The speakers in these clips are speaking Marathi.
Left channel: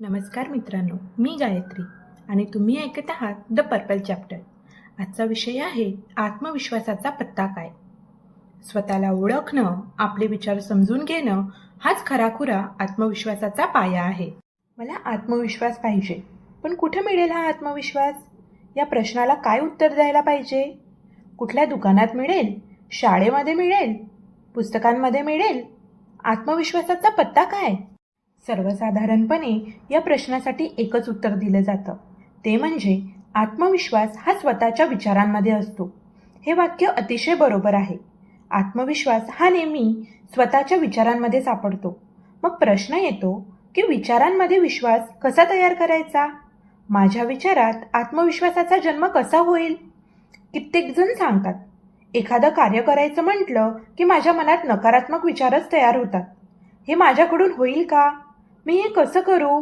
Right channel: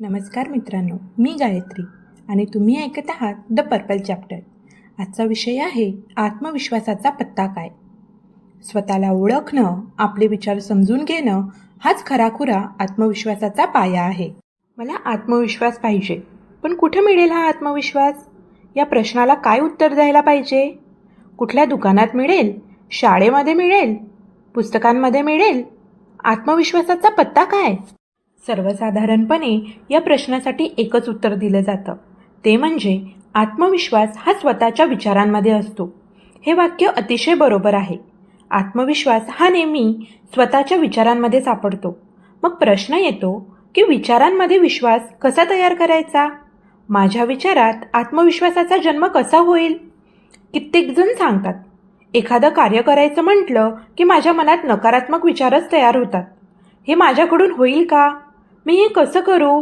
नमस्कार मित्रांनो, मी गायत्री आणि तुम्ही ऐकत आहात द पर्पल चॅप्टर. आजचा विषय आहे आत्मविश्वासाचा पत्ता काय. स्वतःला ओळखणं, आपले विचार समजून घेणं हाच खराखुरा आत्मविश्वासाचा पाया आहे. मला आत्मविश्वास पाहिजे, पण कुठं मिळेल हा आत्मविश्वास? या प्रश्नाला काय उत्तर द्यायला पाहिजे? कुठल्या दुकानात मिळेल? शाळेमध्ये मिळेल? पुस्तकांमध्ये मिळेल? आत्मविश्वासाचा पत्ता काय? सर्वसाधारणपणे या प्रश्नासाठी एकच उत्तर दिलं जातं, ते म्हणजे आत्मविश्वास हा स्वतःच्या विचारांमध्ये असतो. हे वाक्य अतिशय बरोबर आहे. आत्मविश्वास हा नेहमी स्वतःच्या विचारांमध्ये सापडतो. मग प्रश्न येतो की विचारांमध्ये विश्वास कसा तयार करायचा? माझ्या विचारात आत्मविश्वासाचा जन्म कसा होईल? कित्येक जण सांगतात, एखादं कार्य करायचं म्हटलं की माझ्या मनात नकारात्मक विचारच तयार होतात. हे माझ्याकडून होईल का? मी हे कसं करू?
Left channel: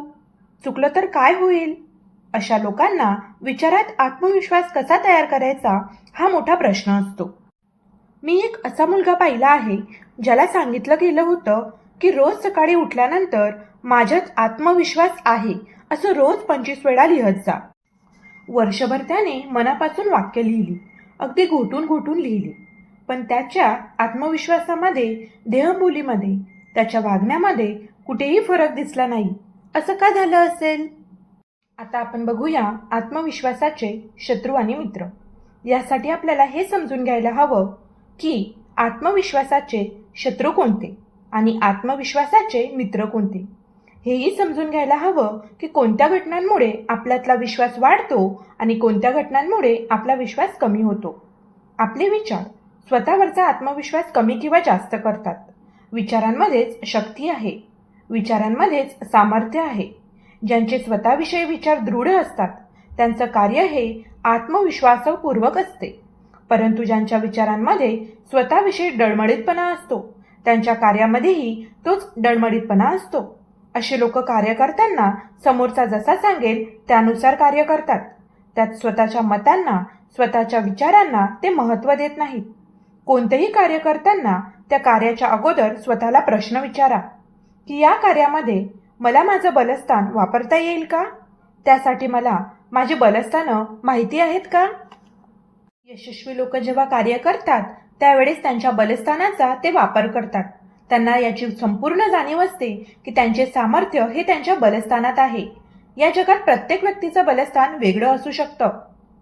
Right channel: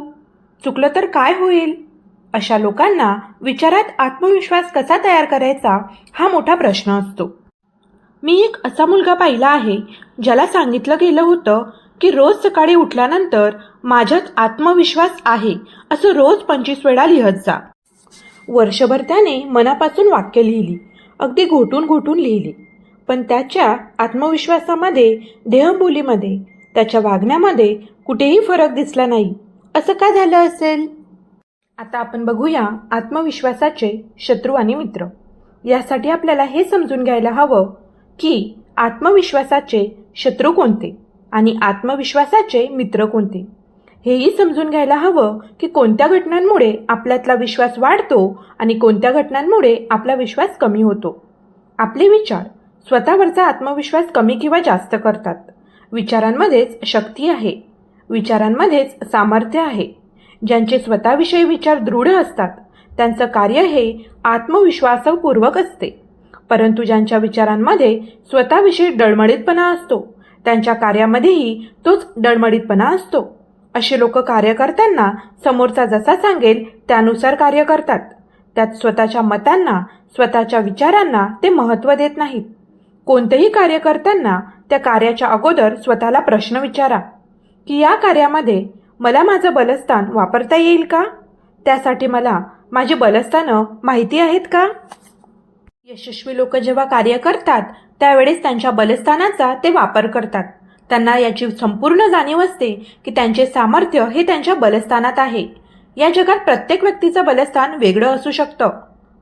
चुकलं तर काय होईल? अशा लोकांना विचारात आत्मविश्वास कसा तयार करायचा हा मोठा प्रश्न असतो. मी एक असा मुलगा पाहिला आहे ज्याला सांगितलं गेलं होतं की रोज सकाळी उठल्यानंतर माझ्यात आत्मविश्वास आहे असं रोज 25 वेळा लिहत जा. वर्षभर त्याने मनापासून वाक्य लिहिली, अगदी घोटून घोटून लिहिली, पण त्याच्या आत्मविश्वासामध्ये, देहबोलीमध्ये, त्याच्या वागण्यामध्ये कुठेही फरक दिसला नाही. असं का झालं असेल? आता आपण बघूया आत्मविश्वासाचे शत्रू आणि मित्र. यासाठी आपल्याला हे समजून घ्यायला हवं की आत्मविश्वासाचे शत्रू कोणते आणि आत्मविश्वासाचे मित्र कोणते. हेही समजून घ्यायला हवं की कोणत्या घटनांमुळे आपल्यातला विश्वास वाढतो आणि कोणत्या घटनांमुळे आपला विश्वास कमी होतो. आपले विचार स्वतःवरचा आत्मविश्वास कमी किंवा जास्त करतात. विचारांमध्येच शक्ती आहे, विचारांमध्येच सामर्थ्य आहे. ज्यांचे स्वतःविषयी विचार दृढ असतात त्यांचं कार्य हे आत्मविश्वासपूर्वक असते, परंतु ज्यांच्या विचारांमध्ये स्वतःविषयी डळमळीतपणा असतो त्यांच्या कार्यामध्येही तोच डळमळीतपणा असतो. असे लोक कार्य करताना समोरचा जसा सांगेल त्यानुसार कार्य करतात. त्यात स्वतःच्या मतांना, स्वतःच्या विचारांना ते महत्त्व देत नाहीत. कोणतेही कार्य करताना त्या कार्याच्या अगोदर स्वतःला प्रश्न विचारा की या कार्यामध्ये मला माझं बलस्थान वापरता येईल का? त्यासाठी मला माझी बलस्थानं माहिती आहेत का? यशस्वी लोक जेव्हा कार्य करतात त्यावेळेस त्यांच्या बलस्थानाचा ते वापर करतात. त्यांना याची संपूर्ण जाणीव असते की त्यांचे सामर्थ्य हे त्यांच्या बलस्थानात आहे. या जगात प्रत्येक व्यक्तीचं बलस्थान वेगळं असू शकतं.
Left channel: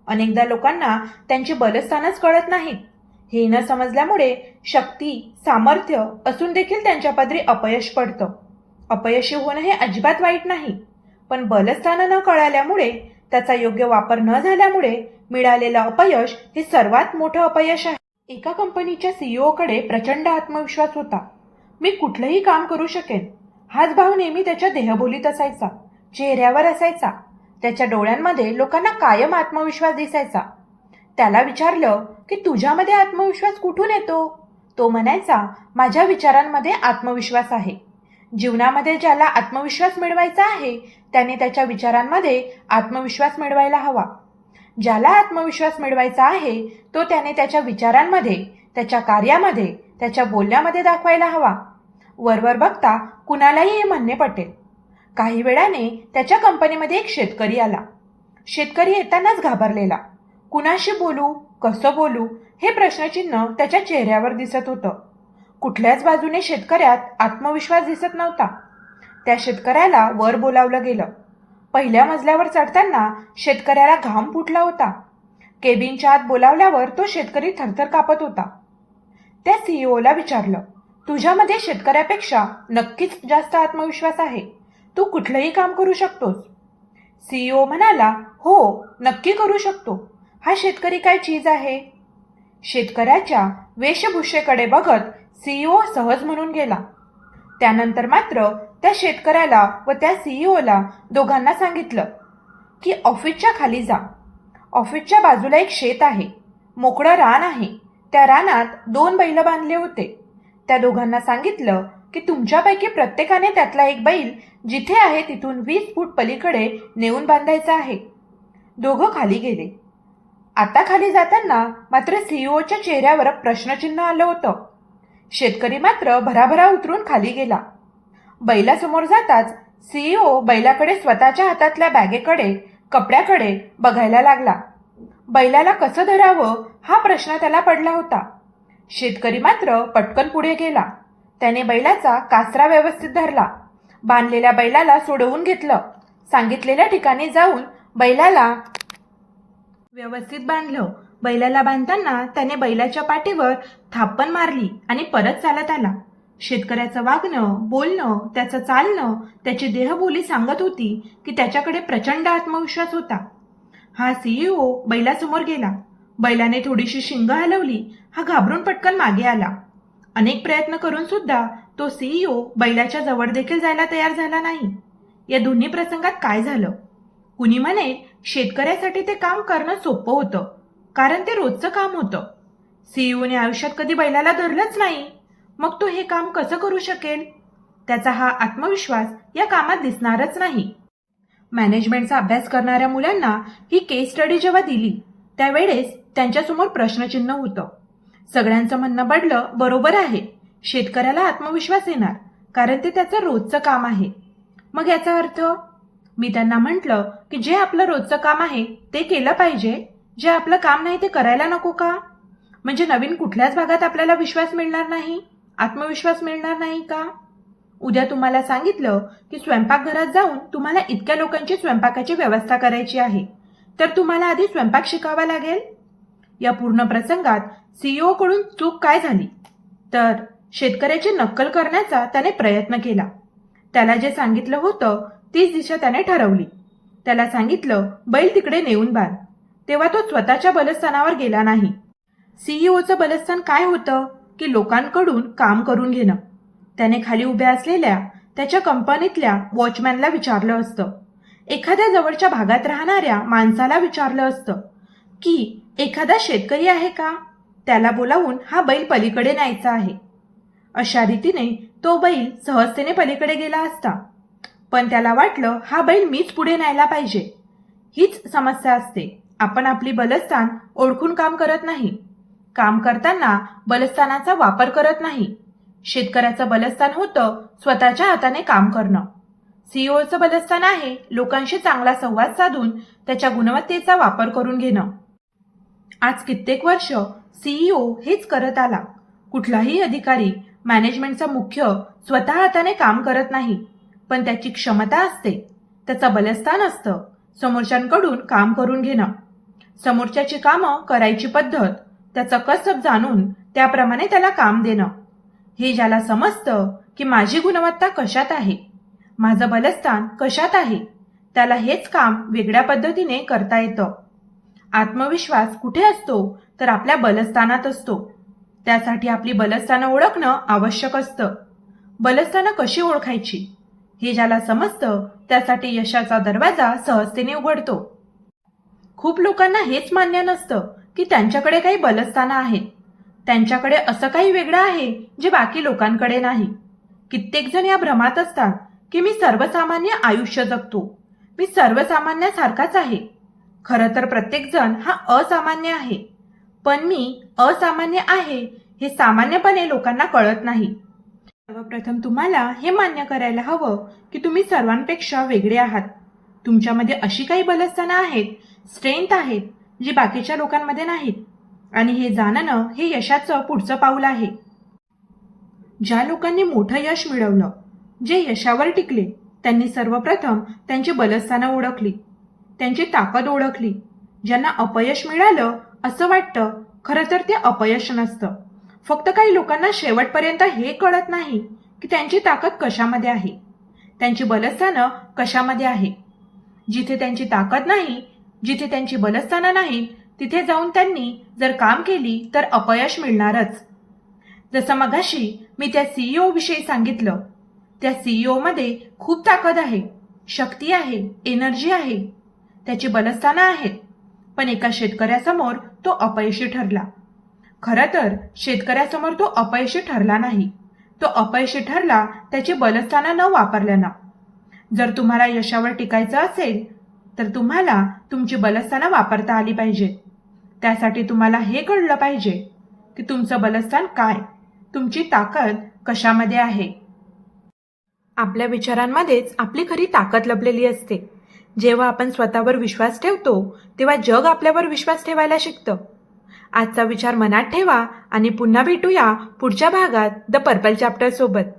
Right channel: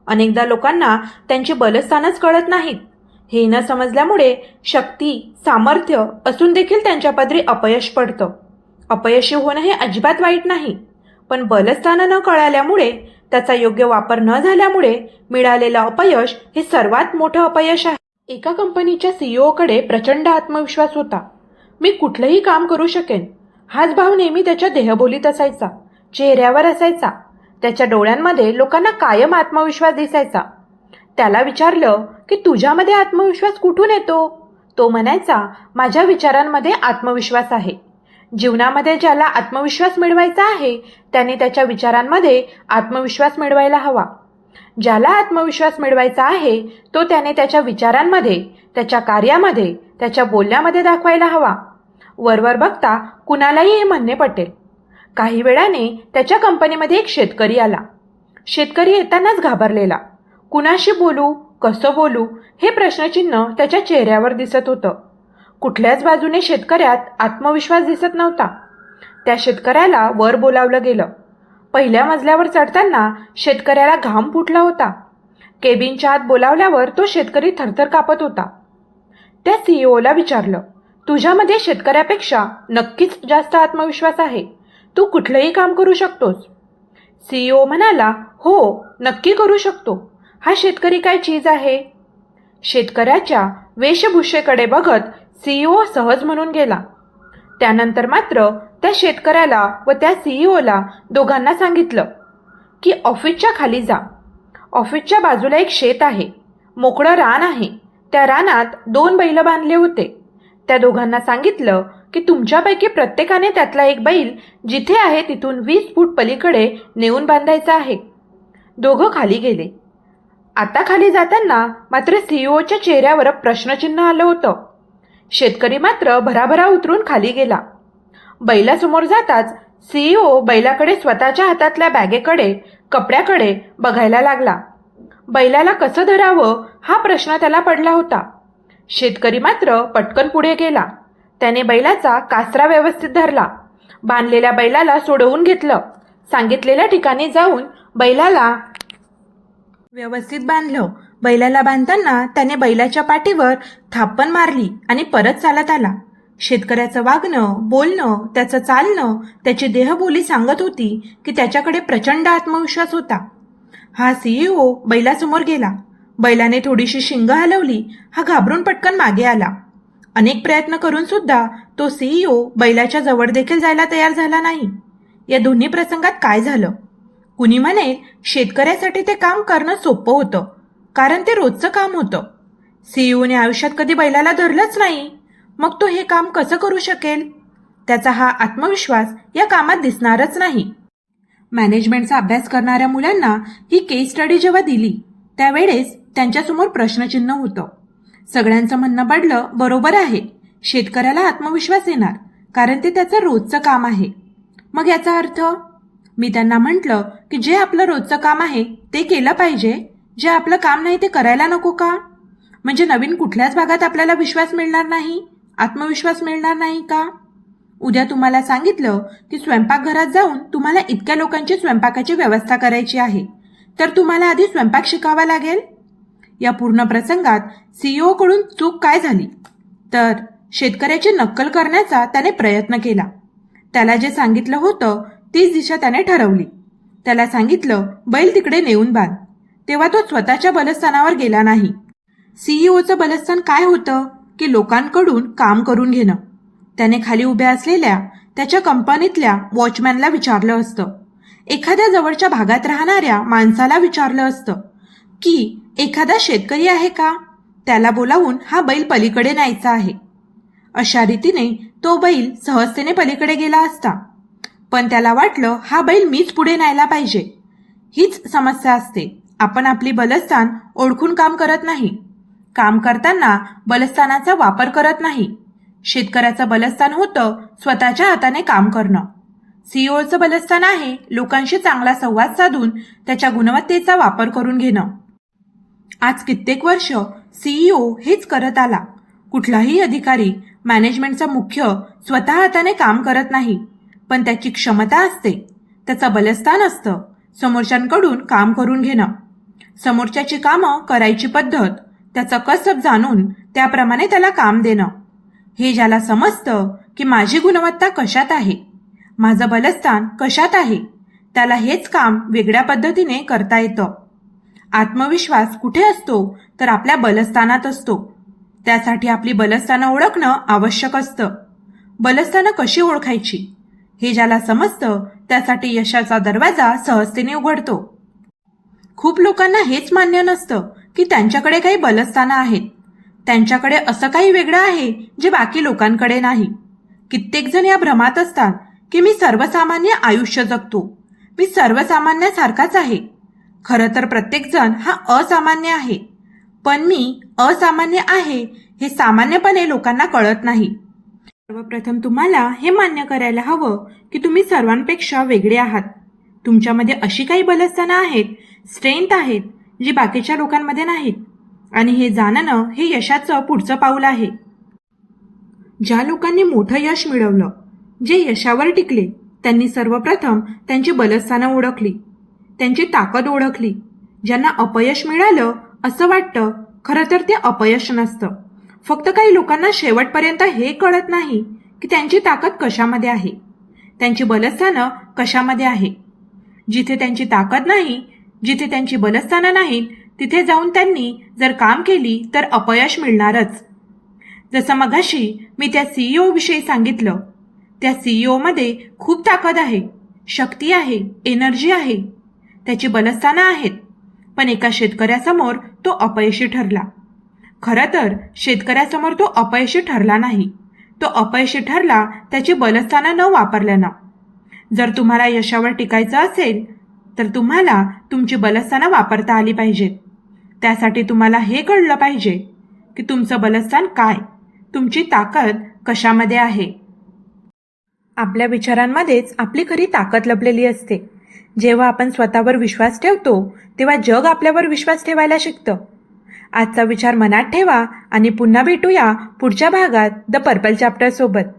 अनेकदा लोकांना त्यांची बलस्थानच कळत नाहीत. हे न समजल्यामुळे शक्ती, सामर्थ्य असून देखील त्यांच्या पदरी अपयश पडतं. अपयशी होणं हे अजिबात वाईट नाही, पण बलस्थानं न कळाल्यामुळे, त्याचा योग्य वापर न झाल्यामुळे मिळालेलं अपयश हे सर्वात मोठं अपयश आहे. एका कंपनीच्या सीईओकडे प्रचंड आत्मविश्वास होता. मी कुठलंही काम करू शकेन हाच भाव नेहमी त्याच्या देहबोलीत असायचा, चेहऱ्यावर असायचा. त्याच्या डोळ्यांमध्ये लोकांना कायम आत्मविश्वास दिसायचा. त्याला विचारलं की तुझ्यामध्ये आत्मविश्वास कुठून येतो? तो म्हणायचा, माझ्या विचारांमध्ये आत्मविश्वास आहे. जीवनामध्ये ज्याला आत्मविश्वास मिळवायचा आहे त्याने त्याच्या विचारांमध्ये आत्मविश्वास मिळवायला हवा. ज्याला आत्मविश्वास मिळवायचा आहे तो त्याने त्याच्या विचारांमध्ये, त्याच्या कार्यामध्ये, त्याच्या बोलण्यामध्ये दाखवायला हवा. वरवर बघता कुणालाही हे म्हणणे पटेल. काही वेळाने त्याच्या कंपनीमध्ये एक शेतकरी आला. शेतकरी येतानाच घाबरलेला. कुणाशी बोलू, कसं बोलू हे प्रश्नचिन्ह त्याच्या चेहऱ्यावर दिसत होतं. कुठल्याच बाजूने शेतकऱ्यात आत्मविश्वास दिसत नव्हता. त्या शेतकऱ्याला वर बोलावलं गेलं. पहिल्या मजल्यावर चढताना शेतकऱ्याला घाम फुटला होता. केबिनच्या आत बोलावल्यावर तो शेतकरी थरथर कापत होता. त्या सीईओला विचारलं, तुझ्यामध्ये शेतकऱ्यापेक्षा नक्कीच जास्त आत्मविश्वास आहे. तू कुठलंही काम करू शकतोस. सीईओ म्हणाला, हो, नक्की करू शकतो. हा शेतकरी काय चीज आहे? शेतकऱ्याच्या वेशभूषेकडे बघत सीईओ सहज म्हणून गेला. त्यानंतर मात्र त्या शेतकऱ्याला व त्या सीईओला दोघांना सांगितलं की ऑफिसच्या खाली जा. ऑफिसच्या बाजूला एक शेत आहे, मोकळं रान आहे. त्या रानात 2 बैल बांधले होते. त्या दोघांना सांगितलं की तुमच्यापैकी प्रत्येकाने त्यातला एक बैल जिथे आहे तिथून 20 फूट पलीकडे नेऊन बांधायचा आहे. दोघं खाली गेले. आता खाली जाताना मात्र सीईओच्या चेहऱ्यावर प्रश्नचिन्ह आलं होतं. शेतकरी मात्र भराभरा उतरून खाली गेला. बैलासमोर जाताच सीईओ बैलाकडे स्वतःच्या हातातल्या बॅगेकडे, कपड्याकडे बघायला लागला. बैलाला कसं धरावं हा प्रश्न त्याला पडला होता. शेतकरी मात्र पटकन पुढे गेला. त्याने बैलाचा कासरा व्यवस्थित धरला. बांधलेल्या बैलाला सोडवून घेतलं. सांगितलेल्या ठिकाणी जाऊन बैलाला व्यवस्थित बांधलं. बैलाला बांधताना त्याने बैलाच्या पाठीवर थापण मारली आणि परत चालत आला. शेतकऱ्याचं वागणं, बोलणं, त्याचं चालणं, त्याची देहबोली सांगत होती की त्याच्याकडे प्रचंड आत्मविश्वास होता. हा सीईओ बैलासमोर गेला. बैलाने थोडीशी शिंग हलवली. हा घाबरून पटकन मागे आला. अनेक प्रयत्न करून सुद्धा तो सीईओ बैलाच्या जवळ देखील जायला तयार झाला नाही. या दोन्ही प्रसंगात काय झालं? कुणी म्हणेल शेतकऱ्यासाठी ते काम करणं सोपं होतं, कारण ते रोजचं काम होतं. सीईओने आयुष्यात कधी बैलाला धरलंच नाही, मग तो हे काम कसं करू शकेल? त्याचा हा आत्मविश्वास या कामात दिसणारच नाही. मॅनेजमेंटचा अभ्यास करणाऱ्या मुलांना ही केस स्टडी जेव्हा दिली त्यावेळेस त्यांच्यासमोर प्रश्नचिन्ह होतं. सगळ्यांचं म्हणणं पडलं, बरोबर आहे, शेतकऱ्याला आत्मविश्वास येणार कारण ते त्याचं रोजचं काम आहे. मग याचा अर्थ? मी त्यांना म्हटलं की जे आपलं रोजचं काम आहे ते केलं पाहिजे, जे आपलं काम नाही ते करायला नको का? म्हणजे नवीन कुठल्याच भागात आपल्याला विश्वास मिळणार नाही, आत्मविश्वास मिळणार नाही का? उद्या तुम्हाला सांगितलं की स्वयंपाकघरात जाऊन तुम्हाला इतक्या लोकांची स्वयंपाकाची व्यवस्था करायची आहे, तर तुम्हाला आधी स्वयंपाक शिकावा लागेल. या पूर्ण प्रसंगात सीईओ कडून चूक काय झाली? तर शेतकऱ्याची नक्कल करण्याचा त्याने प्रयत्न केला. त्याला जे सांगितलं होतं तीच दिशा त्याने ठरवली. त्याला सांगितलं बैल तिकडे नेऊन बांध, तेव्हा तो स्वतःच्या बलस्थानावर गेला नाही. सीईओचं बलस्थान काय होतं की लोकांकडून काम करून घेणं. त्याने खाली उभ्या असलेल्या त्याच्या कंपनीतल्या वॉचमॅनला विचारलं असतं, एखाद्या जवळच्या भागात राहणाऱ्या माणसाला विचारलं असतं की एखादा शेतकरी आहे का, त्याला बोलावून हा बैल पलीकडे न्यायचा आहे. अशा रीतीने तो बैल सहजतेने पलीकडे गेला असता. पण त्याला वाटलं हा बैल मीच पुढे न्यायला पाहिजे. हीच समस्या असते, आपण आपली बलस्थान ओळखून काम करत नाही. काम करताना बलस्थानाचा वापर करत नाही. शेतकऱ्याचं बलस्थान होतं स्वतःच्या हाताने काम करणं. सीईओचं बलस्थान आहे लोकांशी चांगला संवाद साधून त्याच्या गुणवत्तेचा वापर करून घेणं. आज कित्येक वर्ष सीईओ हेच करत आला. कुठलाही अधिकारी, मॅनेजमेंटचा मुख्य स्वतः हाताने काम करत नाही, पण त्याची क्षमता असते, त्याचं बलस्थान असतं समोरच्यांकडून काम करून घेणं. समोरच्याची कामं करायची पद्धत, त्याचं कसब जाणून त्याप्रमाणे त्याला काम देणं. हे ज्याला समजतं की माझी गुणवत्ता कशात आहे, माझं बलस्थान कशात आहे, त्याला हेच काम वेगळ्या पद्धतीने करता येतं. आत्मविश्वास कुठे असतो तर आपल्या बलस्थानात असतो. त्यासाठी आपली बलस्थानं ओळखणं आवश्यक असतं. बलस्थानं कशी ओळखायची हे ज्याला समजतं त्यासाठी यशाचा दरवाजा सहजतेने उघडतो. खूप लोकांना हेच मान्य नसतं की त्यांच्याकडे काही बलस्थानं आहेत. त्यांच्याकडे असं काही वेगळं आहे जे बाकी लोकांकडे नाही. कित्येक जण या भ्रमात असतात की मी सर्वसामान्य आयुष्य जगतो, मी सर्वसामान्यासारखाच आहे. खरं तर प्रत्येक जण हा असामान्य आहे, पण मी असामान्य आहे हे सामान्यपणे लोकांना कळत नाही. सर्वप्रथम तुम्हाला हे मान्य करायला हवं की तुम्ही सर्वांपेक्षा वेगळे आहात. तुमच्यामध्ये अशी काही बलस्थानं आहेत, स्ट्रेंथ आहेत जी बाकीच्या लोकांमध्ये नाहीत, आणि हे जाणणं हे यशाचं पुढचं पाऊल आहे. ज्या लोकांनी मोठं यश मिळवलं, जे यशावर टिकले, त्यांनी सर्वप्रथम त्यांची बलस्थानं ओळखली, त्यांची ताकद ओळखली. ज्यांना अपयश मिळालं असं वाटतं, खरं तर ते अपयश नसतं. फक्त काही लोकांना शेवटपर्यंत हे कळत नाही की त्यांची ताकद कशामध्ये आहे, त्यांची बलस्थानं कशामध्ये आहे. जिथे त्यांची ताकद नाही, जिथे त्यांची बलस्थानं नाहीत, तिथे जाऊन त्यांनी जर काम केली तर अपयश मिळणारच. जसं मगाशी मी त्या सीईओ विषयी सांगितलं, त्या सीईओमध्ये खूप ताकद आहे, शक्ती आहे, एनर्जी आहे, त्याची बलस्थानं आहेत. पण एका शेतकऱ्यासमोर तो अपयशी ठरला. खरं तर शेतकऱ्यासमोर तो अपयशी ठरला नाही, तो अपयशी ठरला त्याची बलस्थानं न वापरल्यानं. जर तुम्हाला यशावर टिकायचं असेल तर तुम्हाला तुमची बलस्थानं वापरता आली पाहिजेत. त्यासाठी तुम्हाला हे कळलं पाहिजे की तुमचं बलस्थान काय, तुमची ताकद कशामध्ये आहे. आपल्या विचारांमध्येच आपली खरी ताकद लपलेली असते. जेव्हा आपण स्वतःवर विश्वास ठेवतो तेव्हा जग आपल्यावर विश्वास ठेवायला शिकतं. आजचा विचार मनात ठेवा आणि पुन्हा भेटूया पुढच्या भागात द पर्पल चॅप्टर सोबत.